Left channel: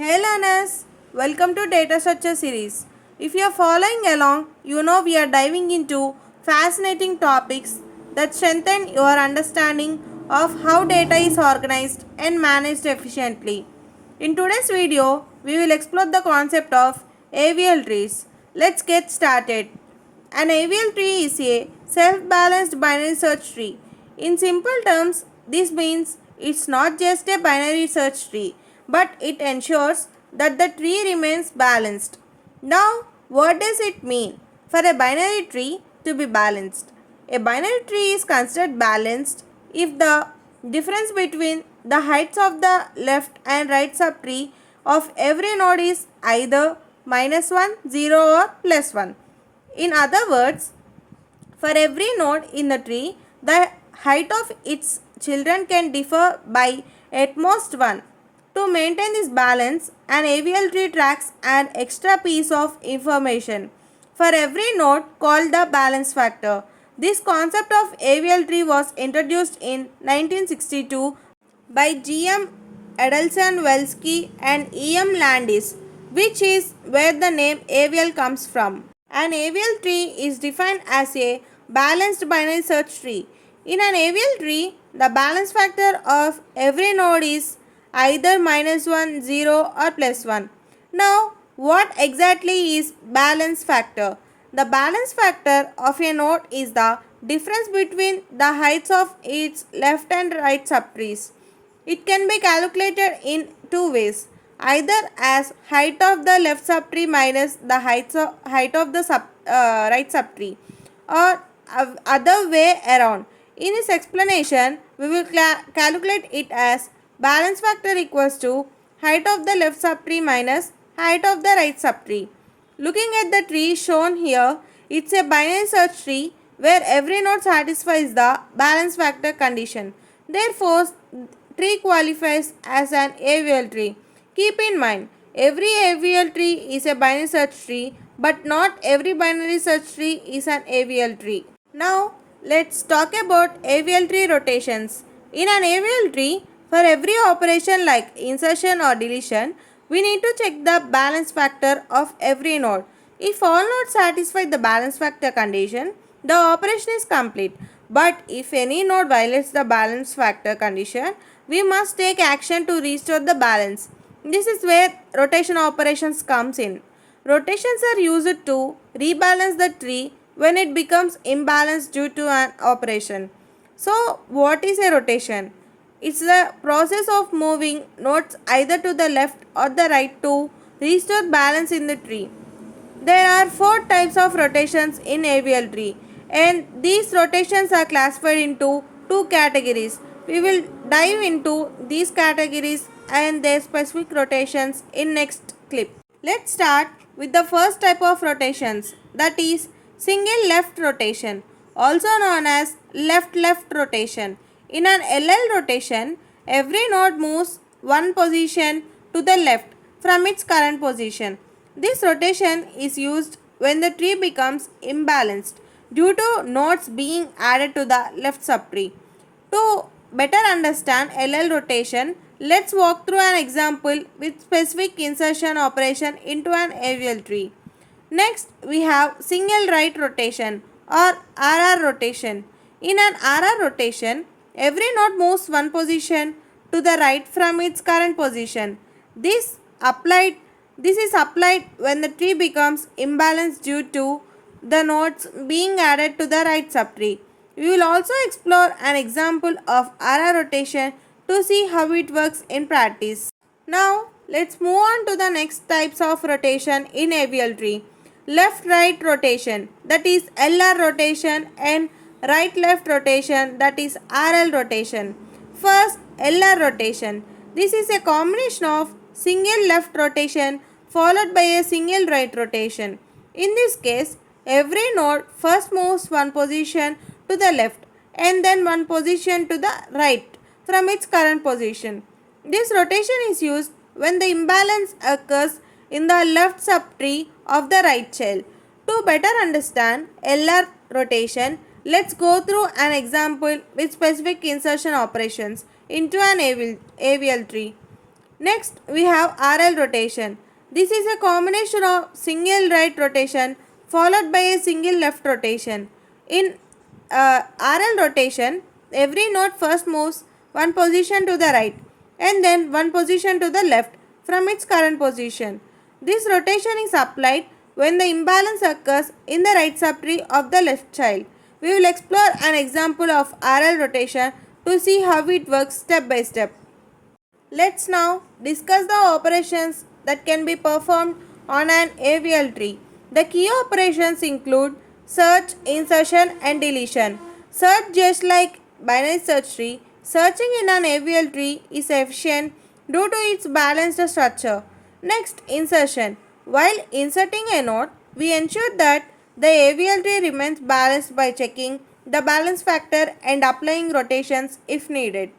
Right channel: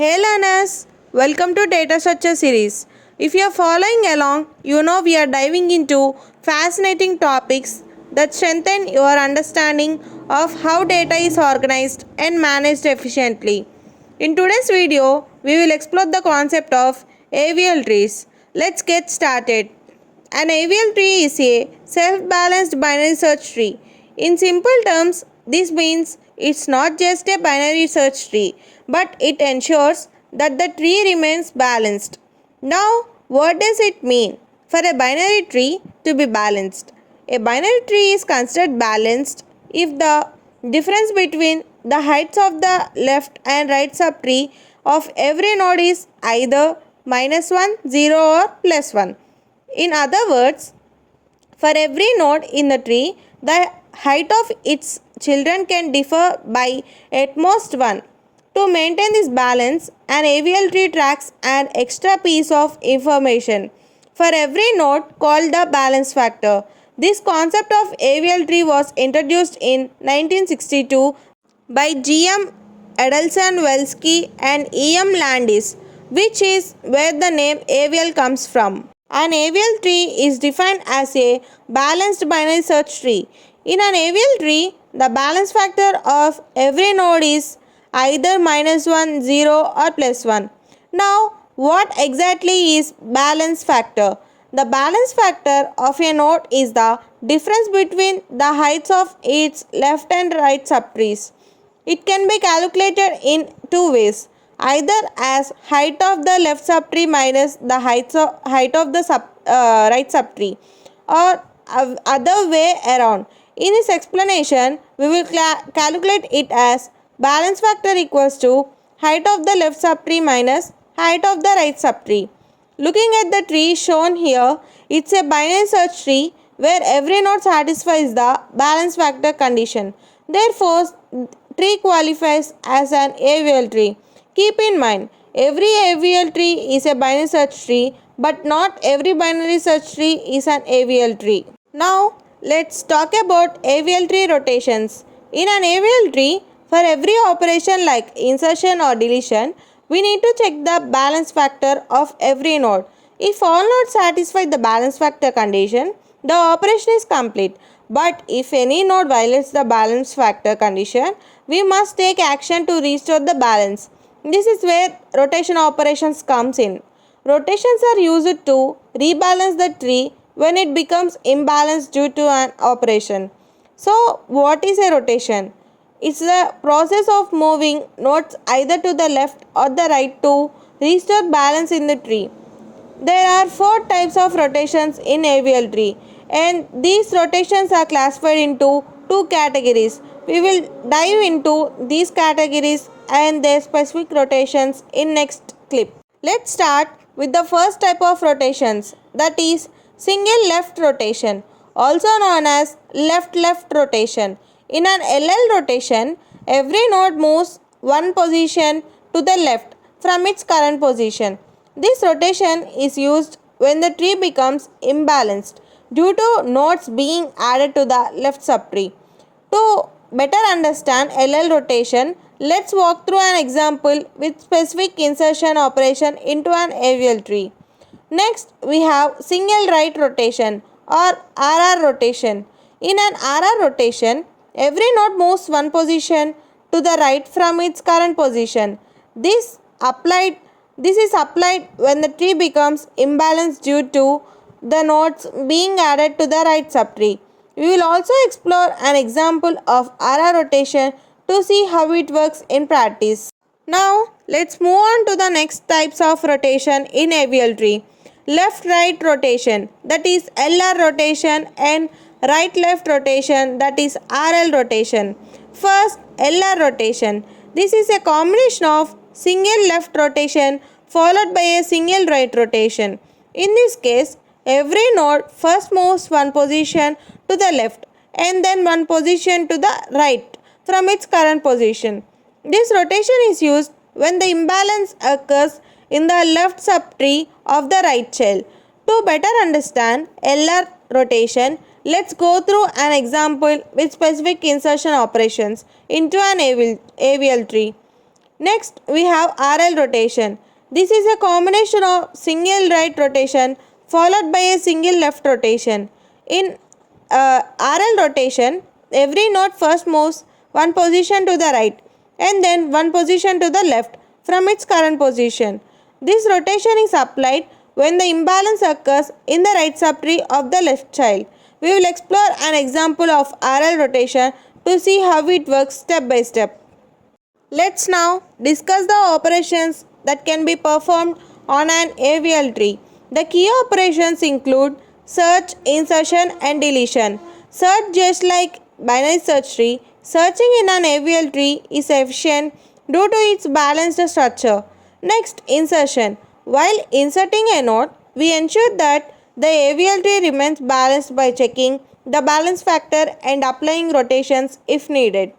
Hey learners, welcome to Data Structure series. If you are following along, you know we are diving into fascinating topics that strengthen your understanding of how data is organized and managed efficiently. In today's video, we will explore the concept of AVL trees. Let's get started. An AVL tree is a self-balanced binary search tree. In simple terms, this means it's not just a binary search tree, but it ensures that the tree remains balanced. Now, what does it mean for a binary tree to be balanced? A binary tree is considered balanced if the difference between the heights of the left and right subtree of every node is either -1, 0 or +1. In other words, for every node in the tree, the height of its children can differ by at most 1. To maintain this balance, an AVL tree tracks an extra piece of information for every node called the balance factor. This concept of AVL tree was introduced in 1962 by G.M. Adelson Welsky and E.M. Landis, which is where the name AVL comes from. An AVL tree is defined as a balanced binary search tree. In an AVL tree, the balance factor of every node is either -1, 0 or +1. Now, what exactly is balance factor? The balance factor of a node is the difference between the heights of its left and right subtrees. It can be calculated in two ways, either as height of the left subtree minus the height of the right subtree, or other way around. In this explanation, we will calculate it as balance factor equals to height of the left subtree minus height of the right subtree. Looking at the tree shown here, it's a binary search tree where every node satisfies the balance factor condition. Therefore, tree qualifies as an AVL tree. Keep in mind, every AVL tree is a binary search tree, but not every binary search tree is an AVL tree. Now, let's talk about AVL tree rotations. In an AVL tree, for every operation like insertion or deletion, we need to check the balance factor of every node. If all nodes satisfy the balance factor condition, the operation is complete. But if any node violates the balance factor condition, we must take action to restore the balance. This is where rotation operations comes in. Rotations are used to rebalance the tree when it becomes imbalanced due to an operation. So, what is a rotation? It's the process of moving nodes either to the left or the right to restore balance in the tree. There are 4 types of rotations in AVL tree, and these rotations are classified into 2 categories. We will dive into these categories and their specific rotations in next clip. Let's start with the first type of rotations, that is single left rotation, also known as left-left rotation. In an LL rotation, every node moves one position to the left from its current position. This rotation is used when the tree becomes imbalanced due to nodes being added to the left subtree. To better understand LL rotation, let's walk through an example with specific insertion operation into an AVL tree. Next, we have single right rotation or RR rotation. In an RR rotation, every node moves one position to the right from its current position. This is applied when the tree becomes imbalanced due to the nodes being added to the right subtree. We will also explore an example of RR rotation to see how it works in practice. Now, let's move on to the next types of rotation in AVL tree. Left-right rotation, that is LR rotation, and right-left rotation, that is RL rotation. First, LR rotation. This is a combination of single left rotation followed by a single right rotation. In this case, every node first moves one position to the left and then one position to the right from its current position. This rotation is used when the imbalance occurs in the left subtree of the right child. To better understand LR rotation, let's go through an example with specific insertion operations into an AVL tree. Next, we have RL rotation. This is a combination of single right rotation followed by a single left rotation. In RL rotation, every node first moves one position to the right and then one position to the left from its current position. This rotation is applied when the imbalance occurs in the right subtree of the left child. We will explore an example of RL rotation to see how it works step by step. Let's now discuss the operations that can be performed on an AVL tree. The key operations include search, insertion and deletion. Search, just like binary search tree, searching in an AVL tree is efficient due to its balanced structure. Next, insertion. While inserting a node, we ensure that the AVL tree remains balanced by checking the balance factor and applying rotations if needed.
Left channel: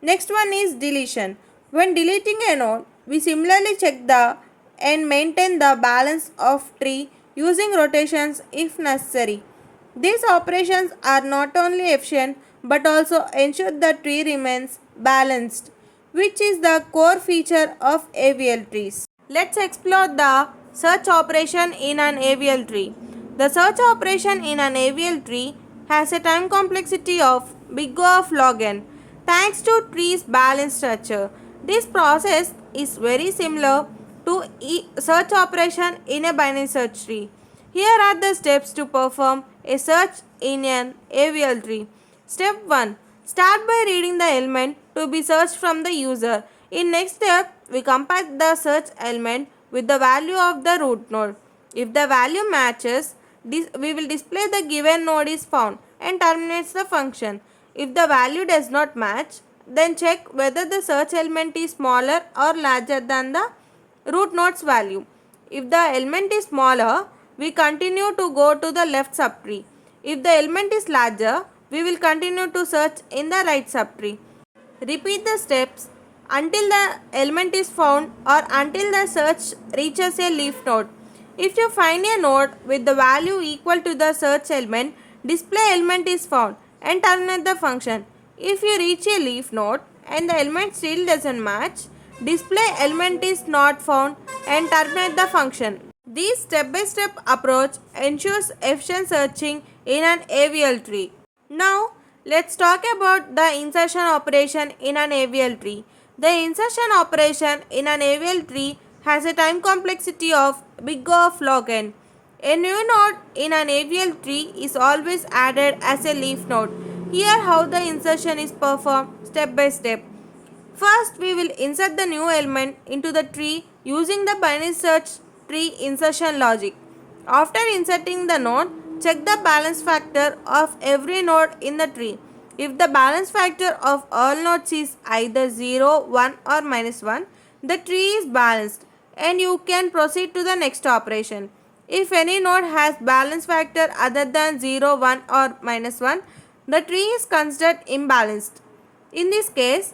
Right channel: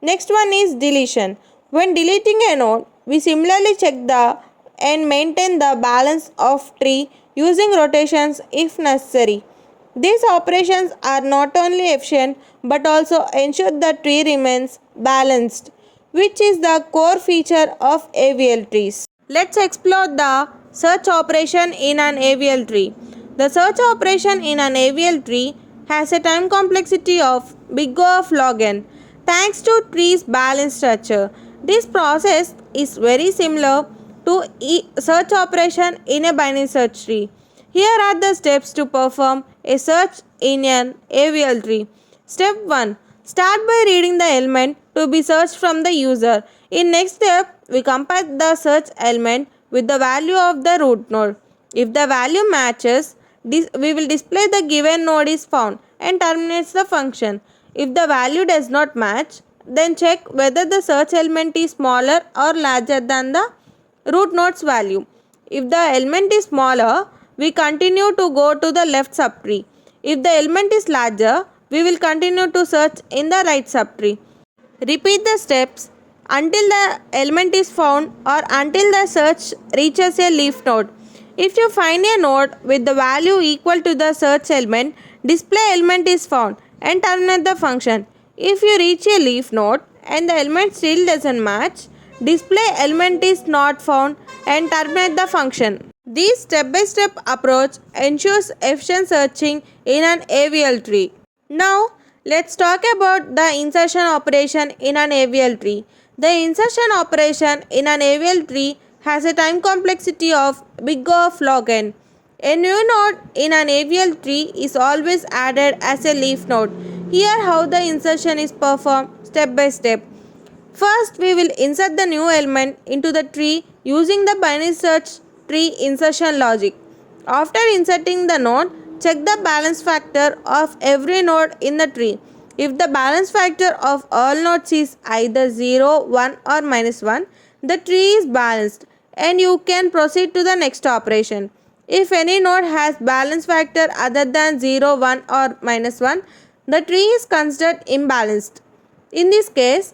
Next one is deletion. When deleting a node, we similarly check the and maintain the balance of tree using rotations if necessary. These operations are not only efficient but also ensure the tree remains balanced, which is the core feature of AVL trees. Let's explore the search operation in an AVL tree. The search operation in an AVL tree has a time complexity of big O of log n. Thanks to tree's balanced structure, this process is very similar to search operation in a binary search tree. Here are the steps to perform a search in an AVL tree. Step 1. Start by reading the element to be searched from the user. In next step, we compare the search element with the value of the root node. If the value matches, we will display the given node is found and terminates the function. If the value does not match, then check whether the search element is smaller or larger than the root node's value. If the element is smaller, we continue to go to the left subtree. If the element is larger, we will continue to search in the right subtree. Repeat the steps until the element is found or until the search reaches a leaf node. If you find a node with the value equal to the search element, display element is found and terminate the function. If you reach a leaf node and the element still doesn't match, display element is not found and terminate the function. This step-by-step approach ensures efficient searching in an AVL tree. Now, let's talk about the insertion operation in an AVL tree. The insertion operation in an AVL tree has a time complexity of big O of log n. A new node in an AVL tree is always added as a leaf node. Here how the insertion is performed step by step. First, we will insert the new element into the tree using the binary search tree insertion logic. After inserting the node, check the balance factor of every node in the tree. If the balance factor of all nodes is either 0, 1 or -1, the tree is balanced and you can proceed to the next operation. If any node has balance factor other than 0, 1 or -1, the tree is considered imbalanced. In this case,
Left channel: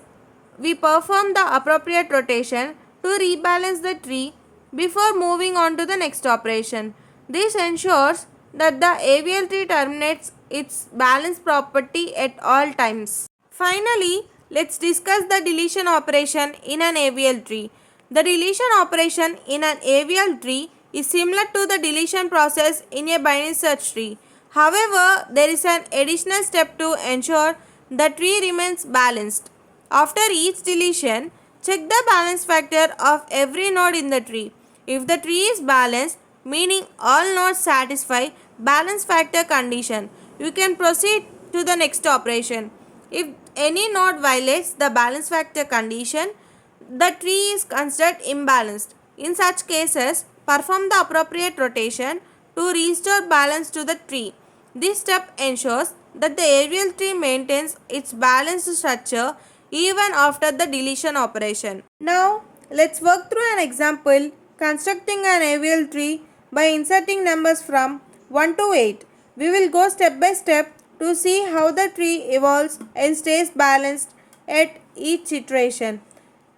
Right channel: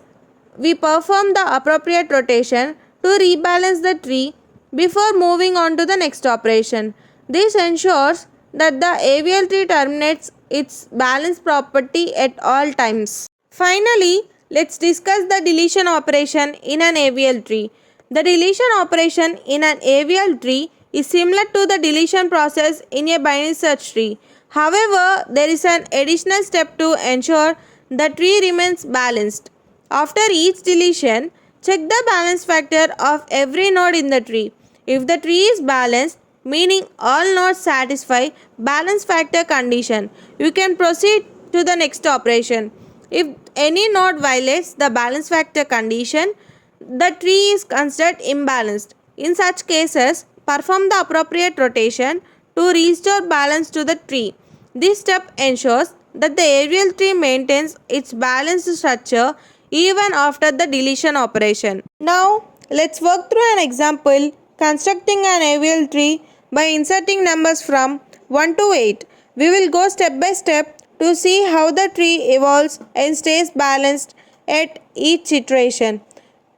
we perform the appropriate rotation to rebalance the tree before moving on to the next operation. This ensures that the AVL tree terminates its balance property at all times. Finally, let's discuss the deletion operation in an AVL tree. The deletion operation in an AVL tree is similar to the deletion process in a binary search tree. However, there is an additional step to ensure the tree remains balanced. After each deletion, check the balance factor of every node in the tree. If the tree is balanced, meaning all nodes satisfy balance factor condition, you can proceed to the next operation. If any node violates the balance factor condition, the tree is considered imbalanced. In such cases, perform the appropriate rotation to restore balance to the tree. This step ensures that the AVL tree maintains its balanced structure even after the deletion operation. Now, let's work through an example constructing an AVL tree by inserting numbers from 1 to 8. We will go step by step to see how the tree evolves and stays balanced at each iteration.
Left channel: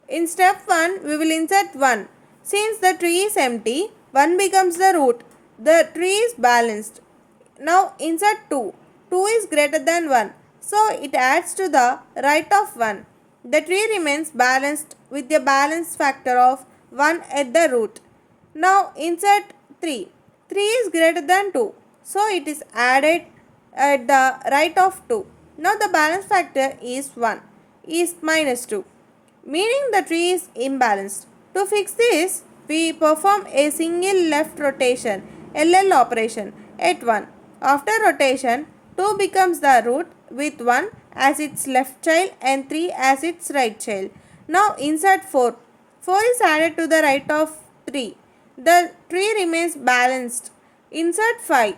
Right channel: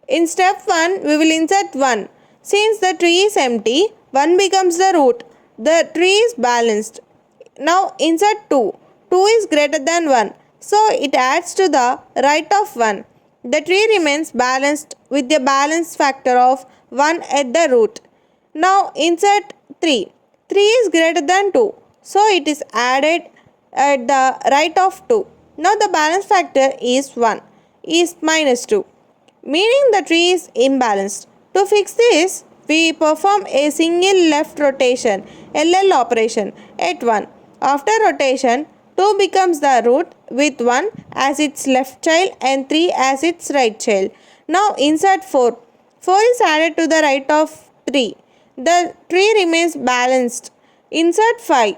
In step 1, we will insert 1. Since the tree is empty, 1 becomes the root. The tree is balanced. Now insert 2. 2 is greater than 1. So it adds to the right of 1. The tree remains balanced with a balance factor of 1 at the root. Now insert 3. 3 is greater than 2. So it is added at the right of 2. Now the balance factor is 1 is minus 2, meaning the tree is imbalanced. To fix this, we perform a single left rotation LL operation at 1. After rotation, 2 becomes the root with 1 as its left child and 3 as its right child. Now insert 4. 4 is added to the right of 3. The tree remains balanced. Insert 5.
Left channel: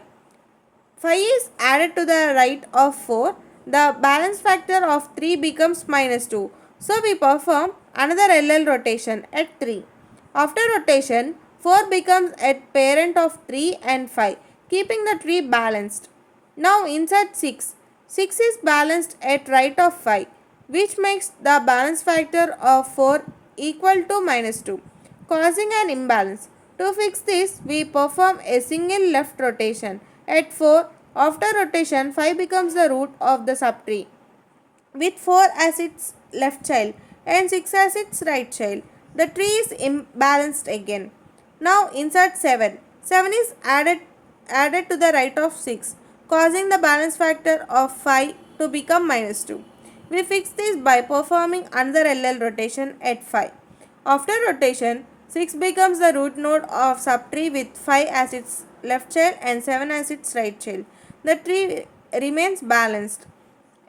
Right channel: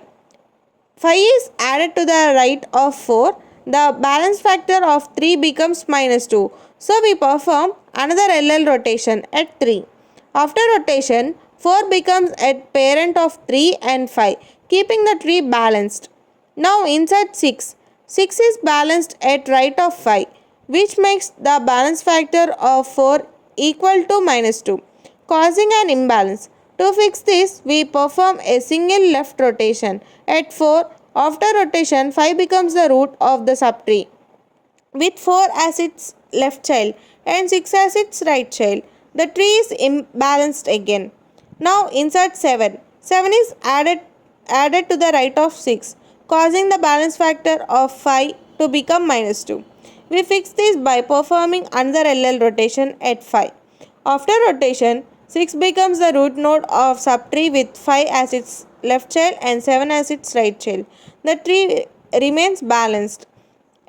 5 is added to the right of 4. The balance factor of 3 becomes minus 2. So we perform another LL rotation at 3. After rotation, 4 becomes a parent of 3 and 5, keeping the tree balanced. Now insert 6. 6 is balanced at right of 5, which makes the balance factor of 4 equal to minus 2, causing an imbalance. To fix this, we perform a single left rotation at 4. After rotation, 5 becomes the root of the subtree with 4 as its left child and 6 as its right child. The tree is imbalanced again. Now insert 7. 7 is added to the right of 6, causing the balance factor of 5 to become minus 2. We fix this by performing another LL rotation at 5. After rotation, 6 becomes the root node of subtree with 5 as its left child and 7 as its right child. The tree remains balanced.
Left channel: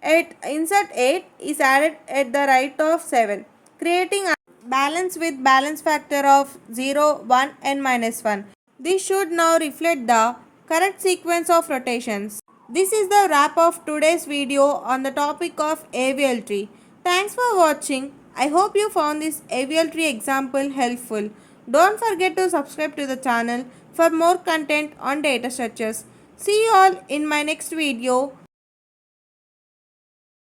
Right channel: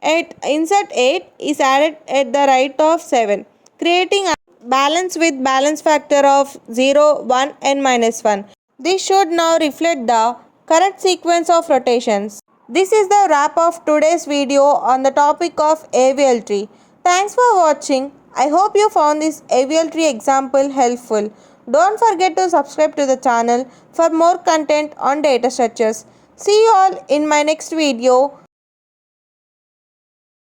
At insert 8 is added at the right of 7, creating a balance with balance factor of 0, 1 and minus 1. This should now reflect the correct sequence of rotations. This is the wrap of today's video on the topic of AVL tree. Thanks for watching. I hope you found this AVL tree example helpful. Don't forget to subscribe to the channel for more content on data structures. See you all in my next video.